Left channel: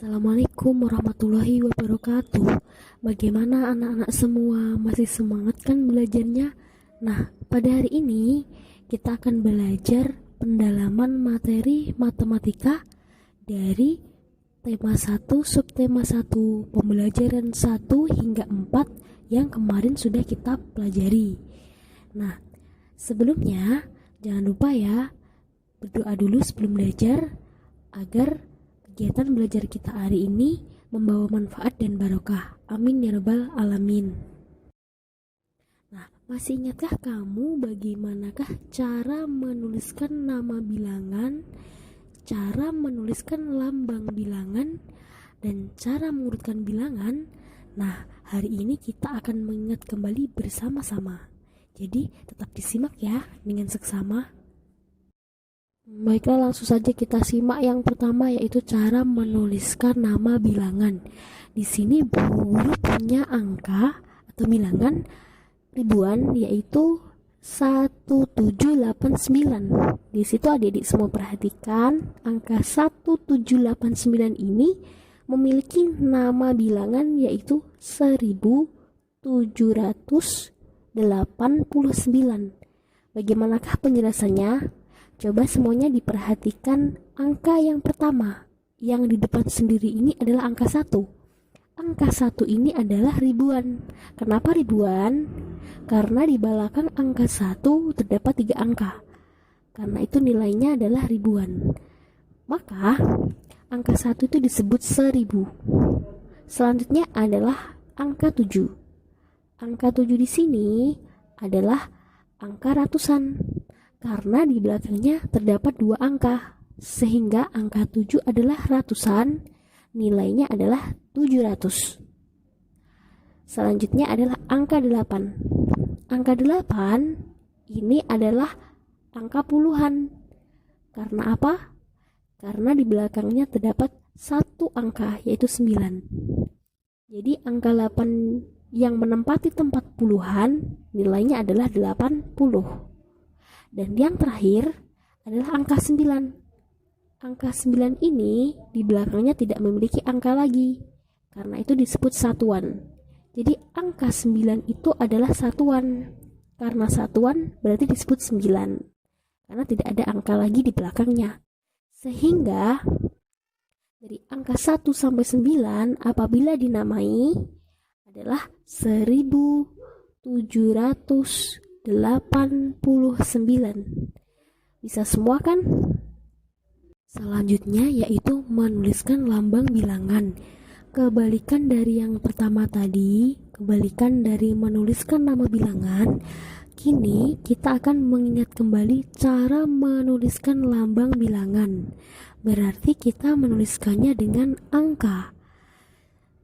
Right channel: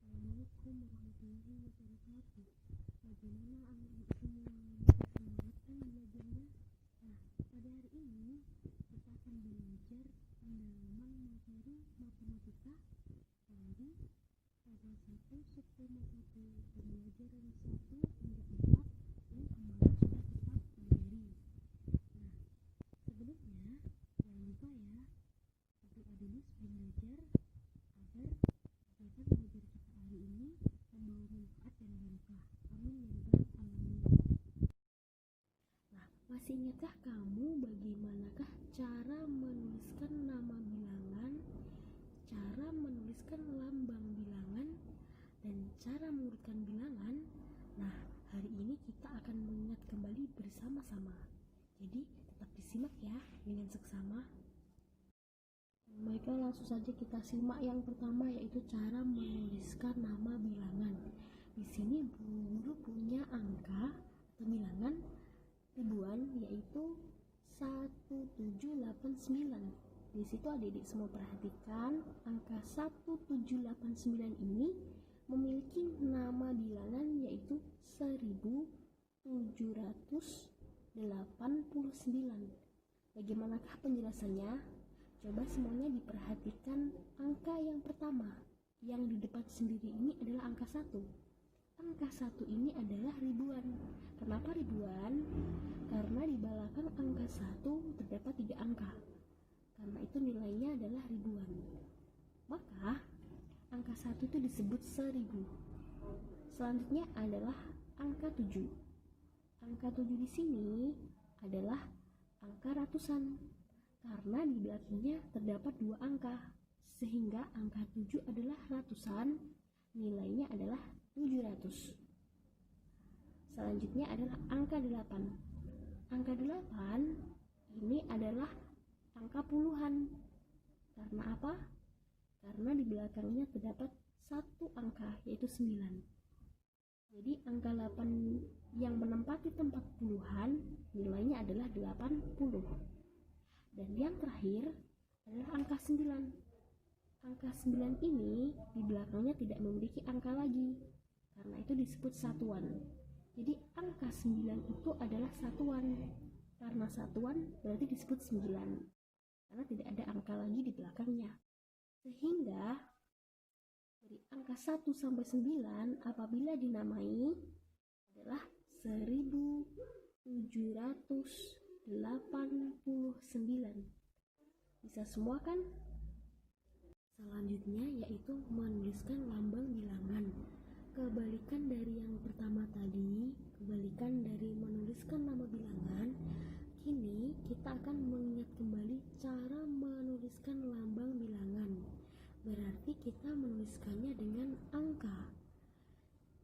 Assalamualaikum warahmatullahi wabarakatuh. Bagaimana anak-anak semua? Masih semangat kan belajarnya? Nah, pada hari ini kita akan belajar pendalaman materi matematika dari tema 1, subtema 1, pembelajaran 1 hingga 4 yang kemarin sudah kita pelajari. Nah, sebelumnya jangan lupa ya, berdoa dulu sebelum belajar agar kegiatan belajar kita hari ini membawa manfaat dan barokah. Amin ya rabbal alamin. Nah, masih ingatkah kamu bagaimanakah cara menuliskan nama bilangan, cara menuliskan lambang bilangan, dan cara mengurutkan bilangan? Nah, hari ini kita akan mengingat kembali bersama-sama. Jadi, tetap disimak ya dengan seksama. Baiklah, langsung saja kita simak yang pertama, yaitu cara menuliskan nama bilangan. Di sini guru punya angka atau bilangan ribuan, yaitu 1789. Di situ adik-adik semua perhatikan, angka 1789 ini memiliki nama bilangan yaitu 1789. Bagaimanakah penjelasannya? Coba semuanya diperhatikan angka yang pertama. Yang di depan sendiri ini adalah angka 1. Angka 1 ini adalah ribuan. Kenapa ribuan? Karena di belakang angka 1 terdapat 3 angka. Karena itu nilainya adalah ribuan. Maka angka 1 itu disebut 1000. Selanjutnya adalah angka 7. Angka 7 di sini adalah angka ratusan. Karena di belakangnya terdapat 2 angka, sehingga angka 7 adalah ratusan, nilainya adalah 700. Selanjutnya adalah angka 8. Angka 8 ini adalah angka puluhan. Karena apa? Karena di belakangnya terdapat 1 angka, yaitu 9. Jadi angka 8 yang menempati tempat puluhan, nilainya adalah 80. Dan yang terakhir adalah angka 9. Angka 9 ini di belakangnya tidak memiliki angka lagi, karena itu disebut satuan. Jadi angka 9 itu adalah satuan. Karena satuan berarti disebut 9, karena tidak ada angka lagi di belakangnya. Sehingga dari angka 1 sampai 9 apabila dinamai adalah 1789. Bisa semua kan? Selanjutnya yaitu menuliskan lambang bilangan. Kebalikan dari yang pertama tadi, kebalikan dari menuliskan nama bilangan, kini kita akan mengingat kembali cara menuliskan lambang bilangan. Berarti kita menuliskannya dengan angka.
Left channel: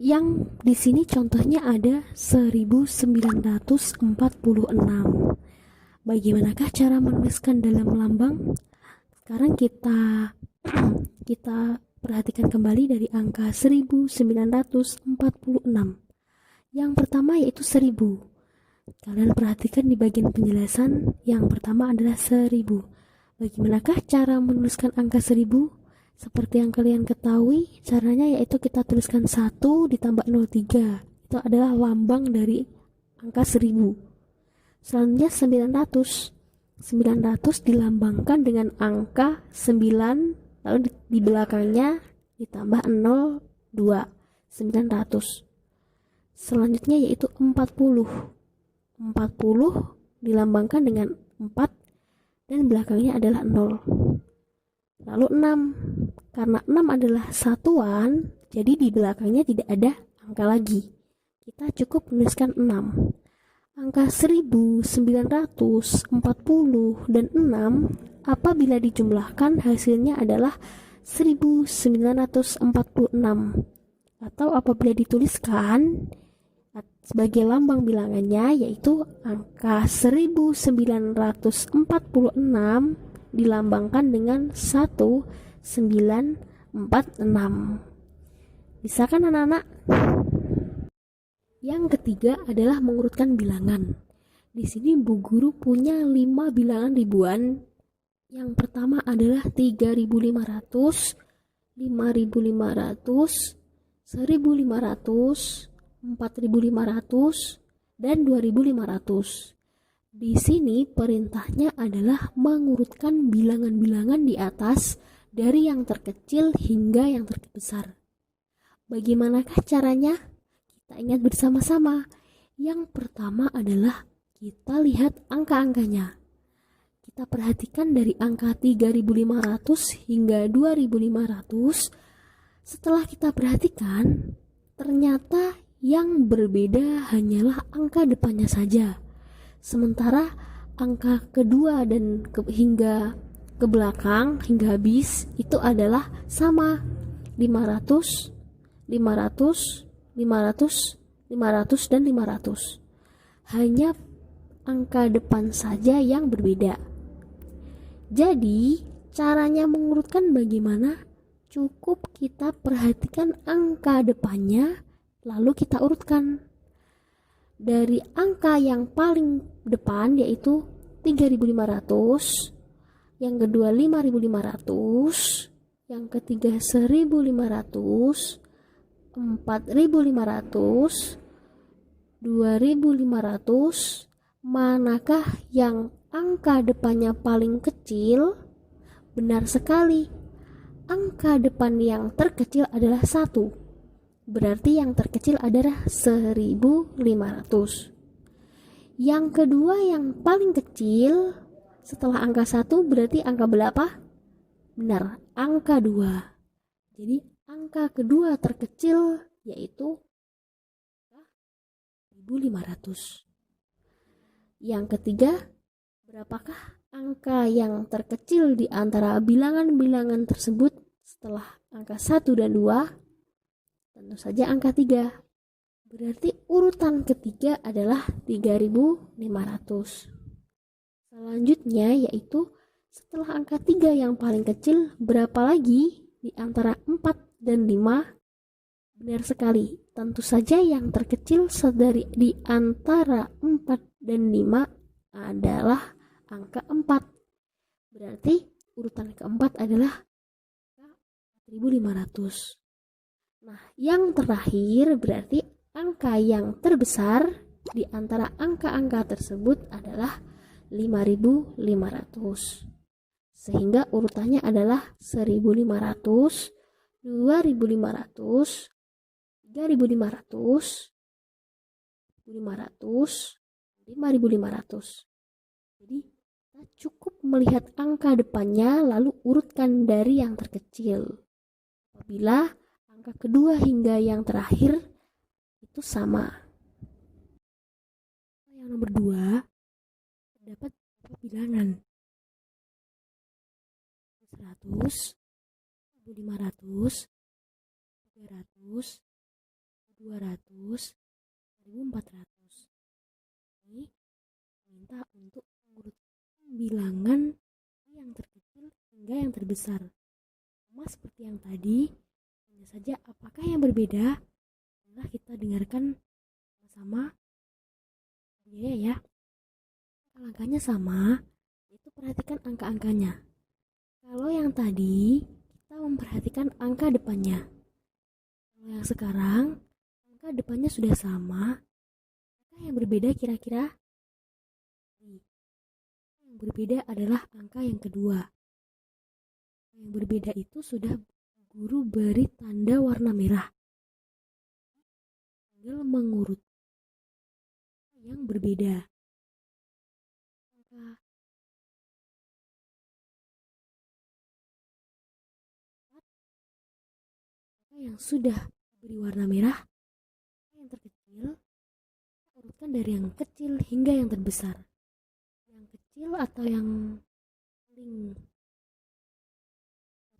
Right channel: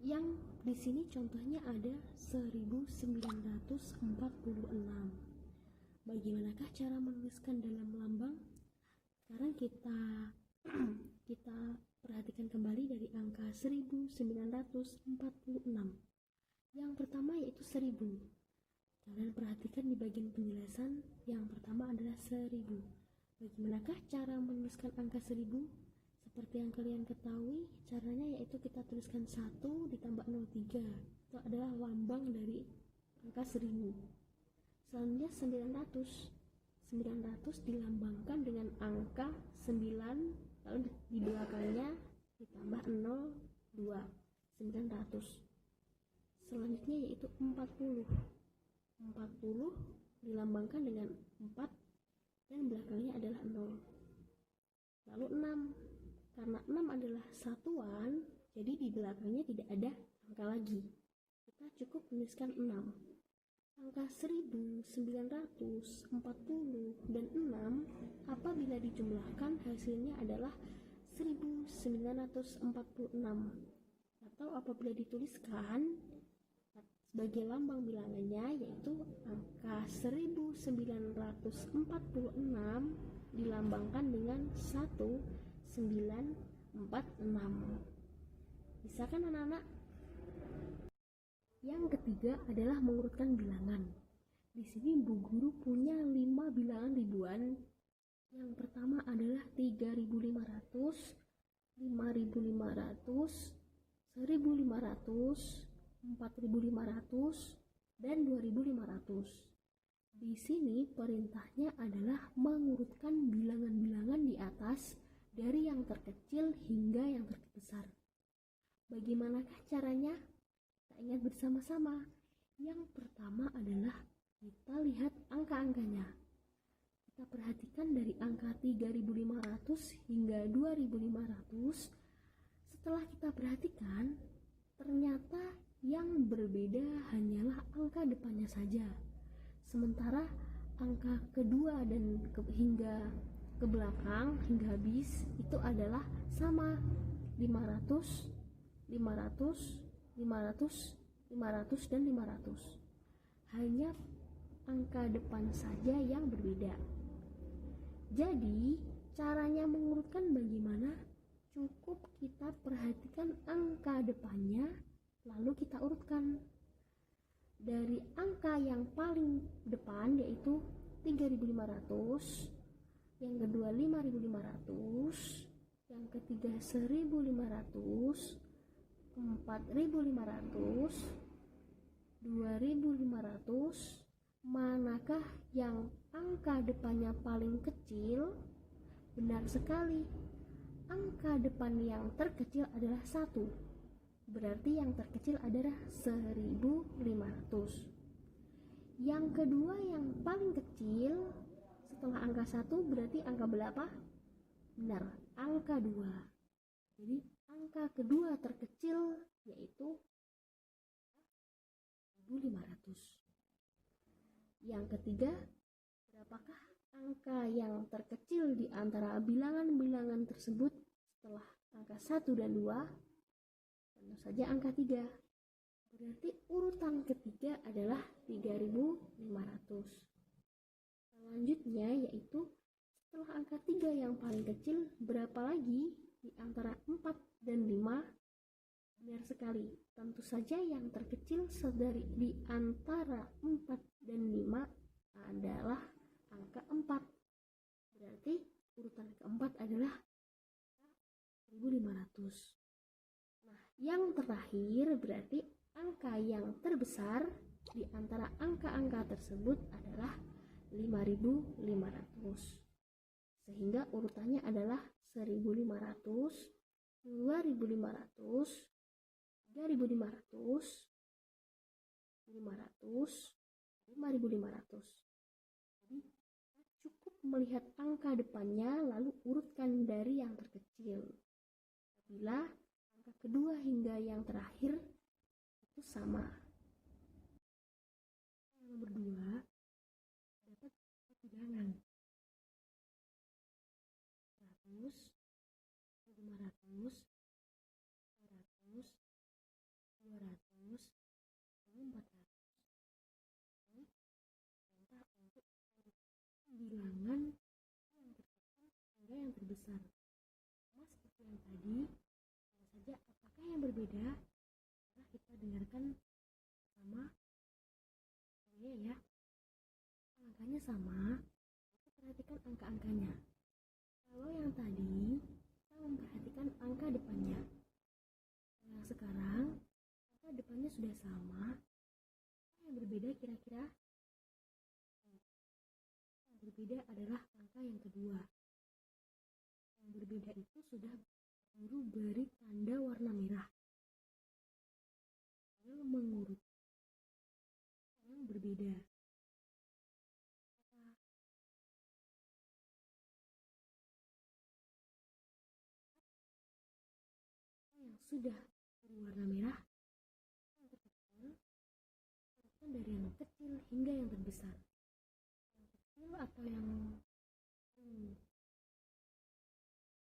Yang di sini contohnya ada 1946. Bagaimanakah cara menuliskan dalam lambang? Sekarang kita perhatikan kembali dari angka 1946. Yang pertama yaitu 1000. Kalian perhatikan di bagian penjelasan, yang pertama adalah 1000. Bagaimanakah cara menuliskan angka 1000? Seperti yang kalian ketahui, caranya yaitu kita tuliskan 1 ditambah 03. Itu adalah lambang dari angka 1000. Selanjutnya 900. 900 dilambangkan dengan angka 9, lalu di belakangnya ditambah 02. 900. Selanjutnya yaitu 40. 40 dilambangkan dengan 4 dan belakangnya adalah 0. Lalu 6. Karena 6 adalah satuan, jadi di belakangnya tidak ada angka lagi. Kita cukup menuliskan 6. Angka 1940 dan 6 apabila dijumlahkan hasilnya adalah 1946. Atau apabila dituliskan sebagai lambang bilangannya yaitu angka 1946 dilambangkan dengan 1946. Bisa kan anak-anak? Yang ketiga adalah mengurutkan bilangan. Di sini Bu Guru punya 5 bilangan ribuan. Yang pertama adalah 3500, 5.500, 1.500, 4.500, dan 2.500. Di sini perintahnya adalah mengurutkan bilangan-bilangan di atas dari yang terkecil hingga yang terbesar. Bagaimanakah caranya? Kita ingat bersama-sama. Yang pertama adalah kita lihat angka-angkanya. Kita perhatikan dari angka 3.500 hingga 2.500. Setelah kita perhatikan, ternyata yang berbeda hanyalah angka depannya saja. Sementara angka kedua dan hingga ke belakang, hingga habis, itu adalah sama. 500, 500, 500, 500, dan 500. Hanya angka depan saja yang berbeda. Jadi, caranya mengurutkan bagaimana? Cukup kita perhatikan angka depannya, lalu kita urutkan. Dari angka yang paling depan yaitu 3.500, yang kedua 5.500, yang ketiga 1.500, 4.500, 2.500. Manakah yang angka depannya paling kecil? Benar sekali, angka depan yang terkecil adalah 1. Berarti yang terkecil adalah 1.500. Yang kedua yang paling kecil setelah angka 1 berarti angka berapa? Benar, angka 2. Jadi angka kedua terkecil yaitu 1.500. Yang ketiga, berapakah angka yang terkecil di antara bilangan-bilangan tersebut setelah angka 1 dan 2? Tentu saja angka 3. Berarti urutan ketiga adalah 3.500. Selanjutnya yaitu setelah angka 3 yang paling kecil, berapa lagi di antara 4 dan 5? Benar sekali, tentu saja yang terkecil di antara 4 dan 5 adalah angka 4. Berarti urutan keempat adalah 4.500. Nah, yang terakhir berarti angka yang terbesar di antara angka-angka tersebut adalah 5.500. Sehingga urutannya adalah 1.500, 2.500, 3.500, 500, 5.500. Jadi kita cukup melihat angka depannya lalu urutkan dari yang terkecil. Apabila angka kedua hingga yang terakhir itu sama. Yang nomor 2, terdapat beberapa bilangan. 100, 1.500, 300, 200, 1.400. Ini minta untuk mengurutkan bilangan yang terkecil hingga yang terbesar. Sama seperti yang tadi, hanya saja apakah yang berbeda? Nah, kita dengarkan sama ya. Angkanya sama, itu perhatikan angka-angkanya. Kalau yang tadi kita memperhatikan angka depannya. Kalau yang sekarang angka depannya sudah sama, maka yang berbeda kira-kira? Yang berbeda adalah angka yang kedua. Yang berbeda itu sudah guru beri tanda warna merah. Tinggal mengurut yang berbeda. Angka yang sudah beri warna merah, yang terkecil, urutkan dari yang kecil hingga yang terbesar. Yang kecil atau yang paling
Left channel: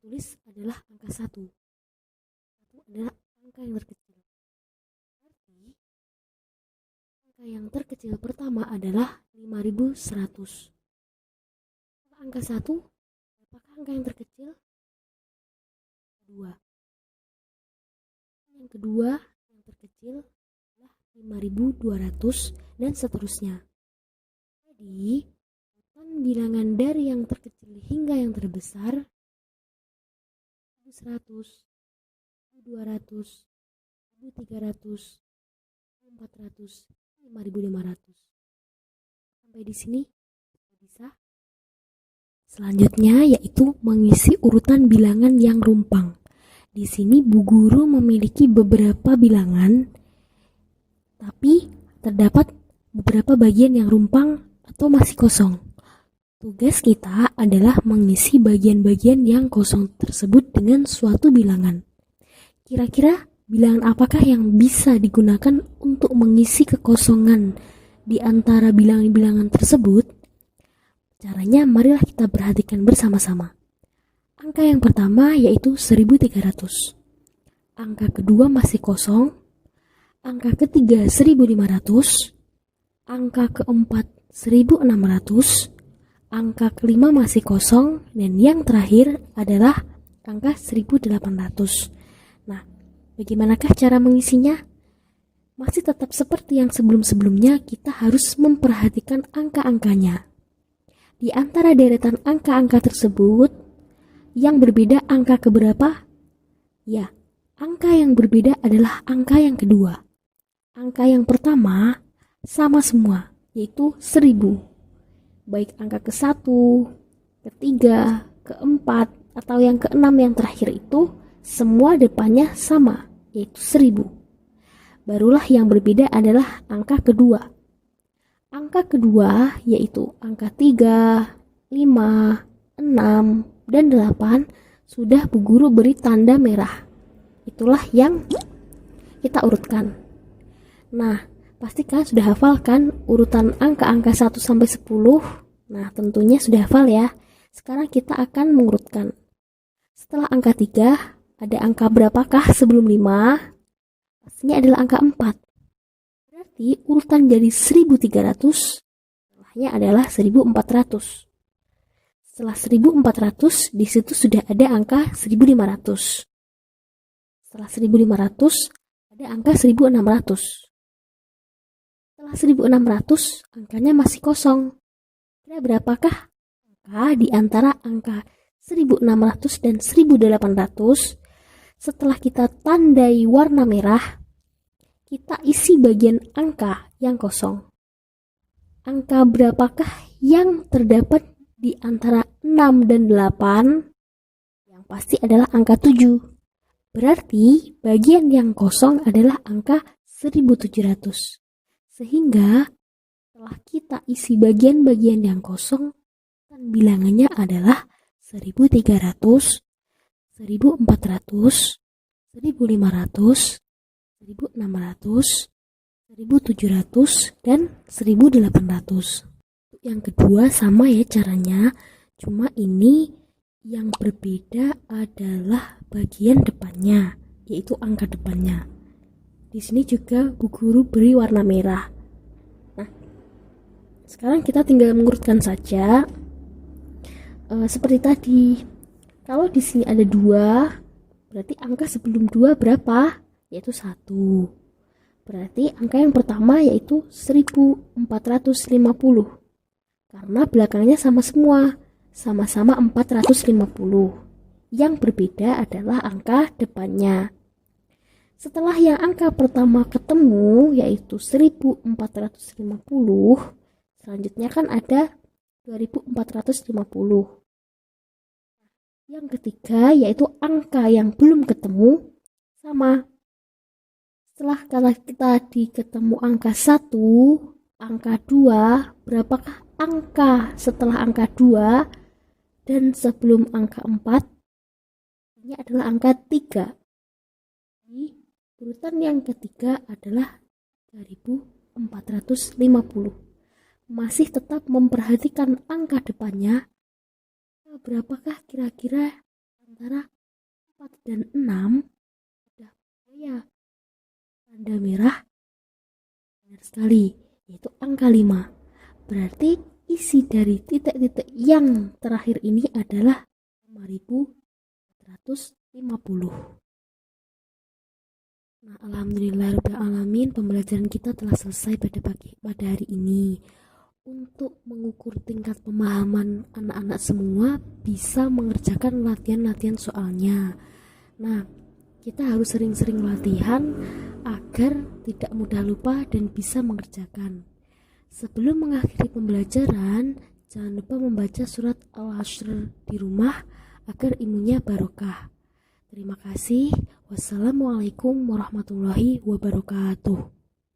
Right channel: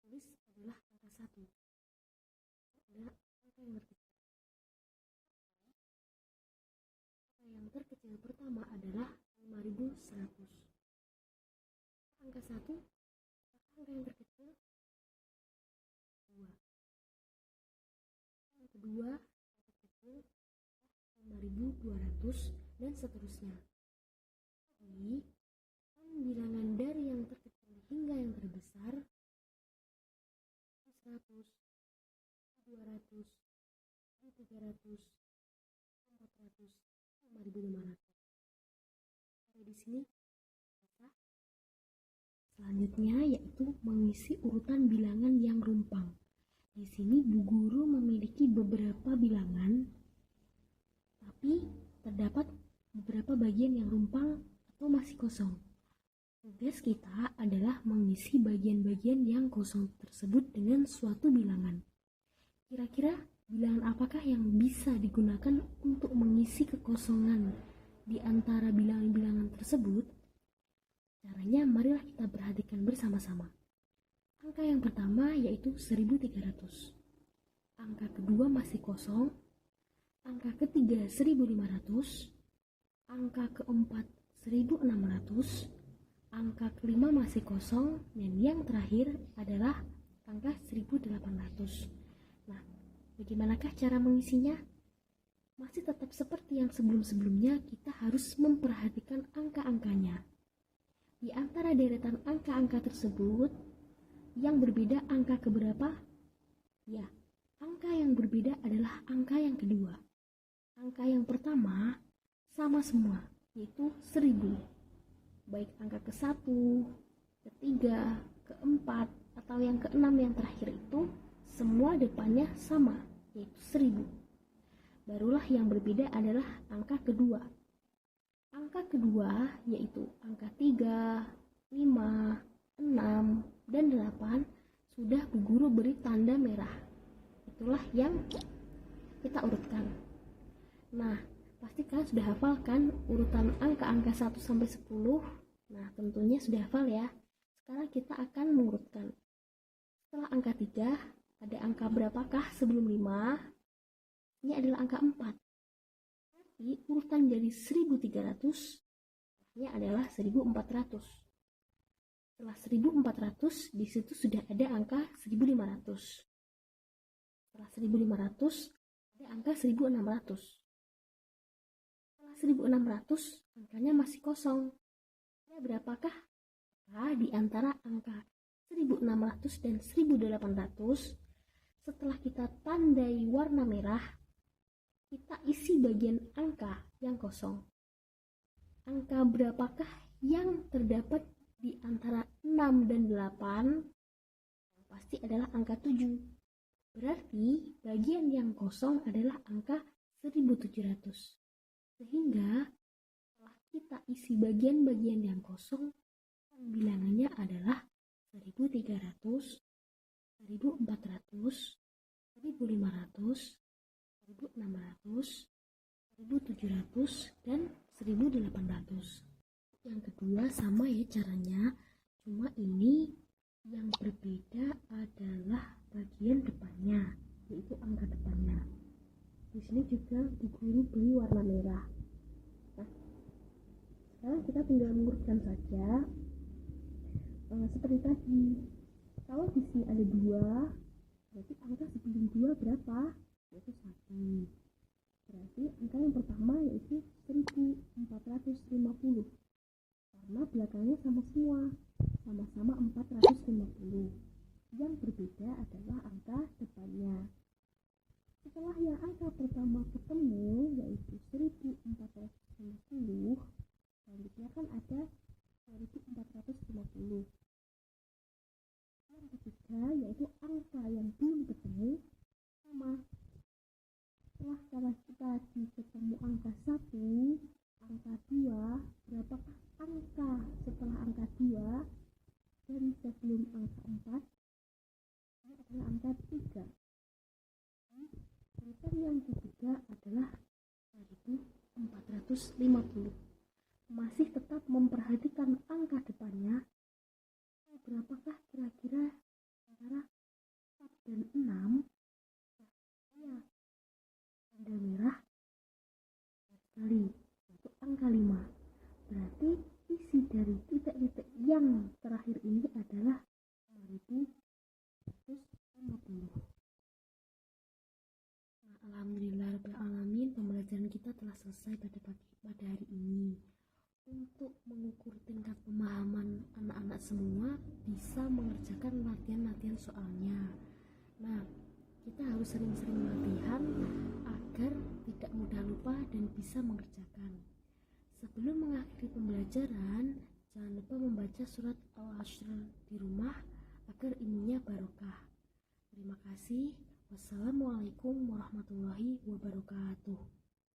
tulis adalah angka 1. 1 adalah angka yang terkecil. Berarti angka yang terkecil pertama adalah 5.100. Angka 1, apakah angka yang terkecil? 2. Yang kedua yang terkecil adalah 5.200 dan seterusnya. Jadi urutan bilangan dari yang terkecil hingga yang terbesar 100, 200, 300, 400, 5.500. Sampai di sini bisa. Selanjutnya yaitu mengisi urutan bilangan yang rumpang. Di sini Bu Guru memiliki beberapa bilangan, tapi terdapat beberapa bagian yang rumpang atau masih kosong. Tugas kita adalah mengisi bagian-bagian yang kosong tersebut dengan suatu bilangan. Kira-kira bilangan apakah yang bisa digunakan untuk mengisi kekosongan di antara bilangan-bilangan tersebut? Caranya marilah kita perhatikan bersama-sama. Angka yang pertama yaitu 1300. Angka kedua masih kosong. Angka ketiga 1500. Angka keempat 1600. Angka kelima masih kosong, dan yang terakhir adalah angka 1800. Nah, bagaimanakah cara mengisinya? Masih tetap seperti yang sebelum-sebelumnya, kita harus memperhatikan angka-angkanya. Di antara deretan angka-angka tersebut, yang berbeda angka keberapa? Ya, angka yang berbeda adalah angka yang kedua. Angka yang pertama sama semua, yaitu 1000. Baik angka ke-1, ke-3, ke-4, atau yang ke-6 yang terakhir itu semua depannya sama, yaitu 1000. Barulah yang berbeda adalah angka kedua. Angka kedua yaitu angka 3, 5, 6, dan 8 sudah Bu Guru beri tanda merah. Itulah yang kita urutkan. Nah, pastikan sudah hafal kan urutan angka-angka 1 sampai 10? Nah, tentunya sudah hafal ya. Sekarang kita akan mengurutkan. Setelah angka 3, ada angka berapakah sebelum 5? Pastinya adalah angka 4. Berarti urutan dari 1300, setelahnya adalah 1400. Setelah 1400, di situ sudah ada angka 1500. Setelah 1500, ada angka 1600. Setelah 1600, angkanya masih kosong. Kira berapakah angka di antara angka 1600 dan 1800? Setelah kita tandai warna merah, kita isi bagian angka yang kosong. Angka berapakah yang terdapat di antara 6 dan 8? Yang pasti adalah angka 7. Berarti bagian yang kosong adalah angka 1700. Sehingga setelah kita isi bagian-bagian yang kosong, bilangannya adalah 1300, 1400, 1500, 1600, 1700, dan 1800. Yang kedua sama ya caranya, cuma ini yang berbeda adalah bagian depannya, yaitu angka depannya. Di sini juga Bu Guru beri warna merah. Nah, sekarang kita tinggal mengurutkan saja. Seperti tadi, kalau di sini ada 2, berarti angka sebelum 2 berapa? Yaitu 1. Berarti angka yang pertama yaitu 1450. Karena belakangnya sama semua, sama-sama 450. Yang berbeda adalah angka depannya. Setelah yang angka pertama ketemu yaitu 1450, selanjutnya kan ada 2450. Yang ketiga yaitu angka yang belum ketemu sama. Setelah kita ketemu angka 1, angka 2, berapakah angka setelah angka 2 dan sebelum angka 4? Ini adalah angka 3. Urutan yang ketiga adalah 3450. Masih tetap memperhatikan angka depannya. Berapakah kira-kira antara 4 dan 6? Ya, tanda merah. Benar sekali, yaitu angka 5. Berarti isi dari titik-titik yang terakhir ini adalah 5450. Nah, alhamdulillahirrahmanirrahim, pembelajaran kita telah selesai pada hari ini. Untuk mengukur tingkat pemahaman anak-anak semua bisa mengerjakan latihan-latihan soalnya. Nah, kita harus sering-sering latihan agar tidak mudah lupa dan bisa mengerjakan. Sebelum mengakhiri pembelajaran, jangan lupa membaca surat Al-Hashr di rumah agar ilmunya barokah. Terima kasih. Wassalamualaikum warahmatullahi wabarakatuh.